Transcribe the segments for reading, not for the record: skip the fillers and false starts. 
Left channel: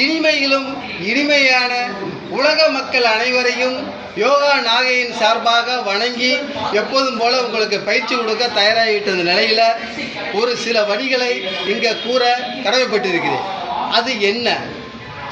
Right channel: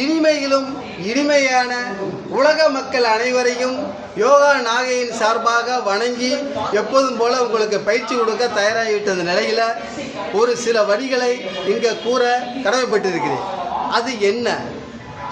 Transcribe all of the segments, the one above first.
இனிமையிலும் இனிமையான உலக மக்கள் அனைவரையும் யோகா நாகையின் சார்பாக வணங்கி எப்போதும் போல உங்களுக்கு பயிற்சி கொடுக்க தயாராகிவிட்ட நிலையில் ஒரு சில வரிகளை இங்கே கூற கடமைப்பட்டிருக்கிறேன். அது என்ன?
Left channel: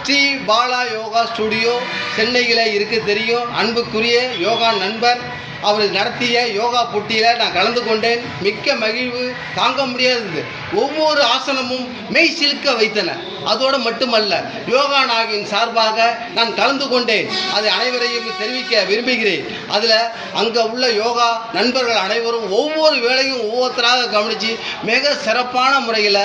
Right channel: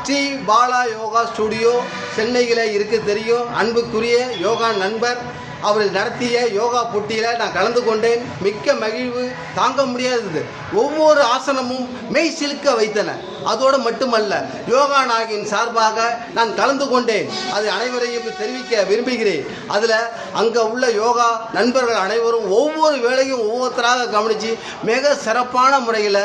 ஸ்ரீ பாலா யோகா ஸ்டுடியோ சென்னையில் இருக்க தெரியும். அன்புக்குரிய யோகா நண்பர் அவர் நடத்திய யோகா போட்டியில் நான் கலந்து கொண்டேன். மிக்க மகிழ்வு தாங்க முடியாதது. ஒவ்வொரு ஆசனமும் மெய் சிலுக்க வைத்தன. அதோடு மட்டுமல்ல, யோகா நாகின் சார்பாக நான் கலந்து கொண்டேன். அதை அனைவரையும் தெரிவிக்க விரும்புகிறேன். அதில் அங்கே உள்ள யோகா நண்பர்கள் அனைவரும் ஒவ்வொரு வேளையும் ஒவ்வொருத்தராக கவனித்து மிக சிறப்பான முறையில்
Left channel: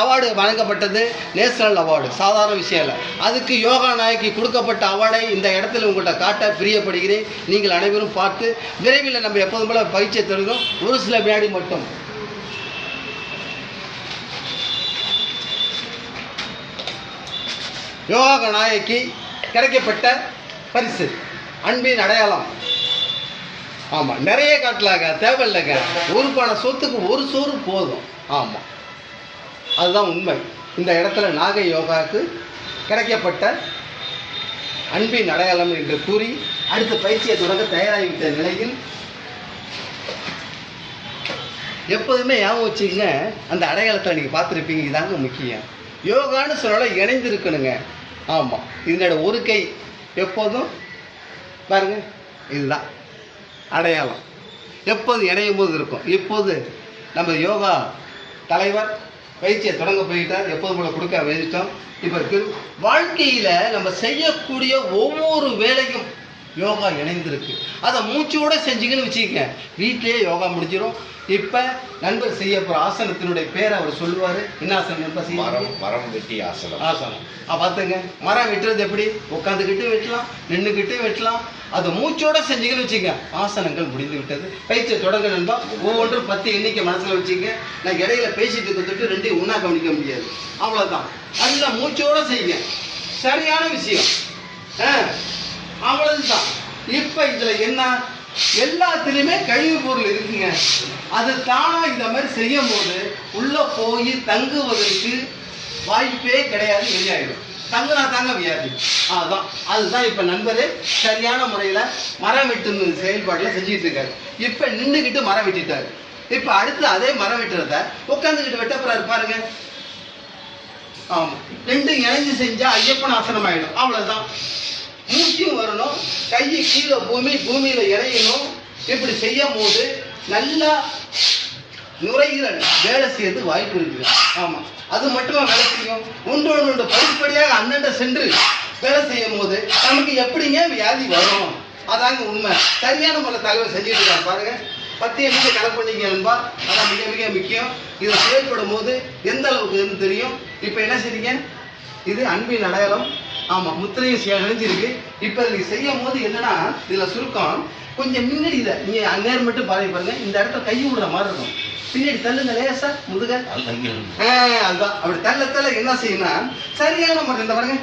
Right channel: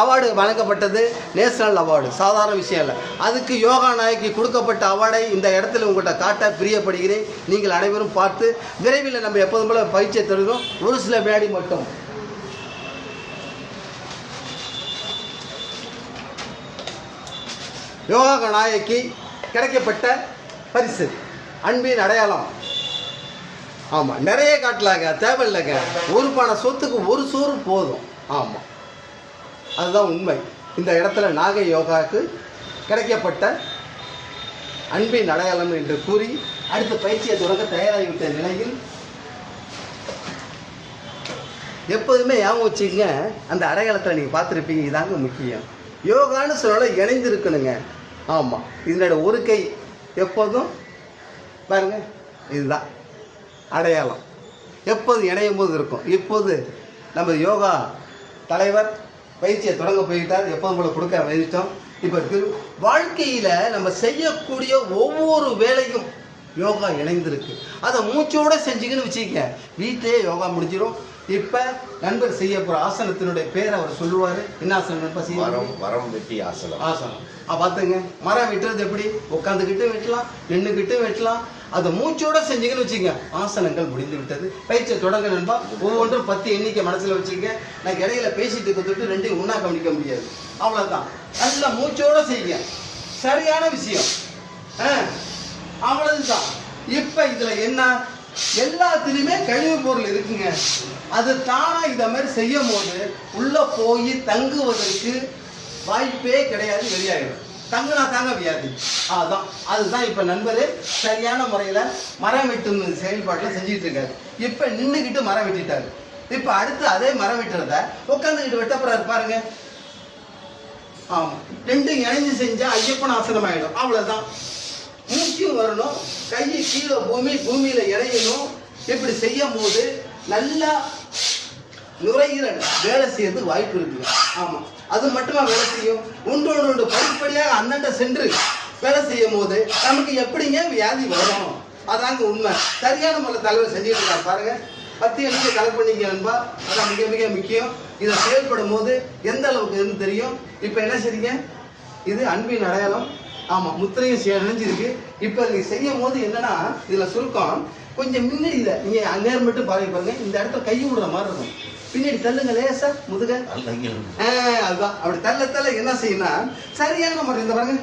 அவார்டு வழங்கப்பட்டது. நேஷனல் அவார்டு, சாதாரண விஷயம் இல்லை. அதுக்கு யோகா நாயகி கொடுக்கப்பட்ட அவார்டை இந்த இடத்துல உங்கள்கிட்ட காட்ட பிரியப்படுகிறேன். நீங்கள் அனைவரும் பார்த்து விரைவில் நம்ம எப்போதும் போல பயிற்சியை தொடங்கும். ஒரு சில வினாடி மட்டும். யோகா நாயகி கிடைக்கப்பட்ட பரிசு அன்பின் அடையாளம். ஆமாம், நிறைய காட்டலாங்க, தேவையில்லைங்க. ஒரு பானை சொத்துக்கு ஒரு சோறு போதும். ஆமாம், அதுதான் உண்மை. இந்த இடத்துல நாகை யோகாவுக்கு கிடைக்கப்பட்ட அன்பின் அடையாளம் என்று கூறி அடுத்த பயிற்சியை தொடங்க தயாராகிவிட்ட நிலையில் எப்போதுமே ஞாபகம் வச்சுக்கங்க, அந்த அடையாளத்தை நீங்கள் பார்த்துருப்பீங்க. இதாங்க முக்கியம். யோகான்னு சொன்னால இணைந்து இருக்கணுங்க. ஆமாம், இதனோட ஒரு கை எப்போதும் பாருங்க, இதுதான் அடையாளம். எப்போதும் இணையும் போது இருக்கும். இப்போது நம்ம யோகா தலைவர் பயிற்சியை தொடங்க போயிட்டார். எப்போதும் கூட கொடுக்க வேண்டிட்டோம். இப்போ வாழ்க்கையில் நம்ம செய்யக்கூடிய ஒவ்வொரு வேலையும் யோகா இணைந்திருக்கு. அதை மூச்சோடு செஞ்சுங்கன்னு வச்சுக்கங்க, வீட்டிலேயே யோகா முடிஞ்சிடும். இப்போ நண்பர் செய்ய போகிற ஆசனத்தினுடைய பேரை அவர் சொல்லுவார். என்ன ஆசனம் நண்பர் செய்ய? மரம் வெட்டி ஆசனம். ஆசனம் பார்த்துங்க. மரம் வெட்டுறது எப்படி? உட்காந்துக்கிட்டு வெட்டலாம், நின்றுக்கிட்டு வெட்டலாம். அதை மூச்சோடு செஞ்சீங்கன்னு வச்சுங்க, ஆசனங்கள் முடிந்து விட்டது. பயிற்சியை தொடங்க நண்பா. ஒவ்வொன்றும் 10 எண்ணிக்கை மனசில் வச்சுங்க. நான் இடையில பேசிட்டு கொடுத்துட்டு 2 ஒன்றா கவனிக்க முடியாது. அவ்வளோதான். அதில் மூச்சோடு செய்யுங்க. சரியான விஷயம். அவ்வளவுதான். இப்போ இதில் என்ன? எல்லாத்துலேயுமே கழிவு பொருள் இருக்குங்க. அது தானாக இந்த மாதிரி செய்யும் போது உள்ளே போய் தங்குவதற்கு வாய்ப்பே கிடையாது. வெளியாகிடும். தங்குனா தாங்க வியாதி. அதுதான் இப்போ நண்பரே சரியான முறையில் மரம் வெட்டு செயல்பாட்டில் செஞ்சுட்டு இருக்காரு. இப்போ நின்றுக்கிட்டு மரம் வெட்டிட்டாரு. இப்போ அடுத்து அதே மரம் வெட்டுறத உட்காந்துக்கிட்டு வெட்ட போறாரு பாருங்க. ஆமாம், 2 இணைஞ்சு செஞ்சால் ஐயப்பன் ஆசனம் ஆகிடும். அவ்வளோதான். மூச்சும் வரணும், கையை கீழே பூமியில் இறையணும். இப்படி செய்யும் போது நல்லா நுரையீரல் வேலை செய்யறதுக்கு வாய்ப்பு இருக்குது. ஆமாம், அது மட்டுமா வேலை செய்யும்? ஒன்றோடு படிப்படியாக அண்ணண்ட சென்று வேலை செய்யும் போது நமக்கு எப்படிங்க வியாதி வரும்? அதாங்க உண்மை. சரியான முறையில் தகவல் செஞ்சுட்டு இருக்காங்க பாருங்க. 10 எண்ணிக்கை கணக்கு பண்ணிக்க நண்பா. அதான் மிக மிக முக்கியம். இதை செயல்படும் போது எந்த அளவுக்கு தெரியும். இப்போ என்ன செய்றீங்க? இது அன்பின் அடையாளம். ஆமாம், முத்திரையும் இணைஞ்சிருக்கு. இப்போ நீங்கள் செய்யும் போது என்னன்னா, இதில் சுருக்கம் கொஞ்சம் முன்னாடி இதை நீங்கள் அங்கே மட்டும் பாருங்க. இந்த இடத்துல கை விடுற மாதிரி இருக்கும். பின்னாடி தள்ளுங்க லேசா முதுக. அதுதான். அப்படி தள்ள என்ன செய்யணும்? சரியான முறை இந்த பாருங்க,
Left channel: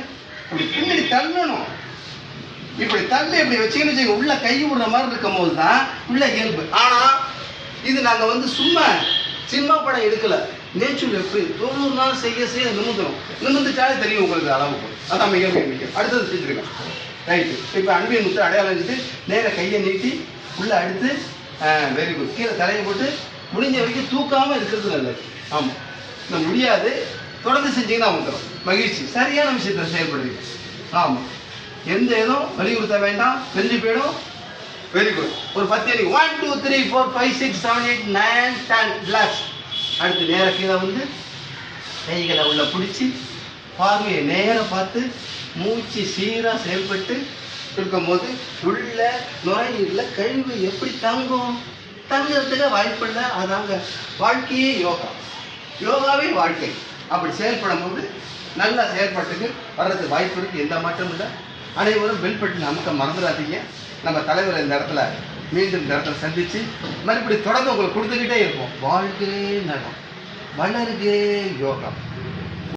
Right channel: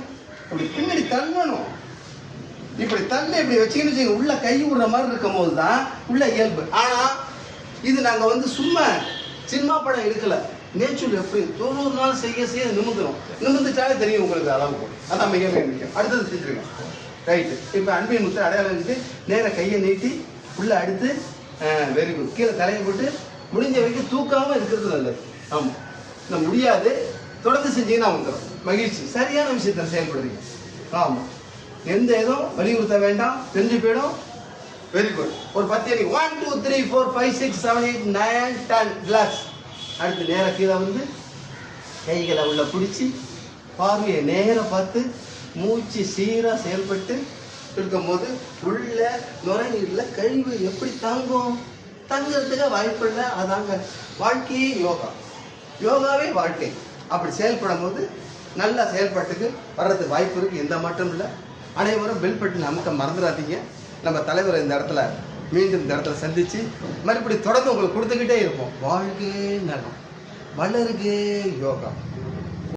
அப்படி பின்னாடி தள்ளணும். இப்படி தள்ள இப்படி வச்சுக்கின்னு உள்ள கை விடுற மாதிரி இருக்கும் போது தான் உள்ள இயல்பு. ஆனால் இது நாங்கள் சும்மா சினிமா படம் எடுக்கலை. நேச்சுரல் எப்படி 90 நாள் செய்ய நிமிந்துட்டாலே தெரியும் உங்களுக்கு அளவுக்கு. அதான் மிக மிக முக்கியம். அடுத்தது செஞ்சுருக்கேன். ரைட்டு. இப்போ அன்பின் முத்து அடையாளம் வச்சுட்டு நேராக கையை நீட்டி உள்ளே அடுத்து வெரி குட். கீழே தலையை போட்டு முடிஞ்ச வரைக்கும் தூக்காமல் இருக்கிறது நல்லது. ஆமாம், இந்த முடியாது தொடர்ந்து செஞ்சீங்கன்னா வந்துடும். மகிழ்ச்சி. சரியான விஷயத்தை செயல்படுவீங்க. ஆமாம், எந்த இதுவும் வலியுறுத்த வேண்டாம், தெரிஞ்சு போயிடும். Very good. ஒரு 10 எண்ணிக்கை 1 2 3 4 5 6 7 8 9 10 ரிலாக்ஸ். அடுத்து நேராக கீழே கைகளை உள்ள பிடிச்சி பார்வையை நேராக பார்த்து மூச்சு சீராக செயல்பட்டு இருக்கும்போது உள்ள நுரையீரலில் கழிவு எப்படி தங்குறதுக்கு வாய்ப்பு இல்லை. அதாங்க வாழ்க்கையே யோகா. யோகாவே வாழ்க்கை. அப்படி செயல்படும் போது நல்ல செயல்பாட்டுக்கு வர்றதுக்கு வாய்ப்பு இருக்குது. எந்த மாற்றமும் இல்லை. அனைவரும் பெல் பட்டன் அமுக்க மறந்துடாதீங்க. நம்ம தலைவர் இந்த இடத்துல மீண்டும் இந்த இடத்துல சந்தித்து மறுபடியும் தொடர்ந்து உங்களுக்கு கொடுத்துக்கிட்டே இருப்போம். வாழ்க்கை நலம், வளருகே யோகா.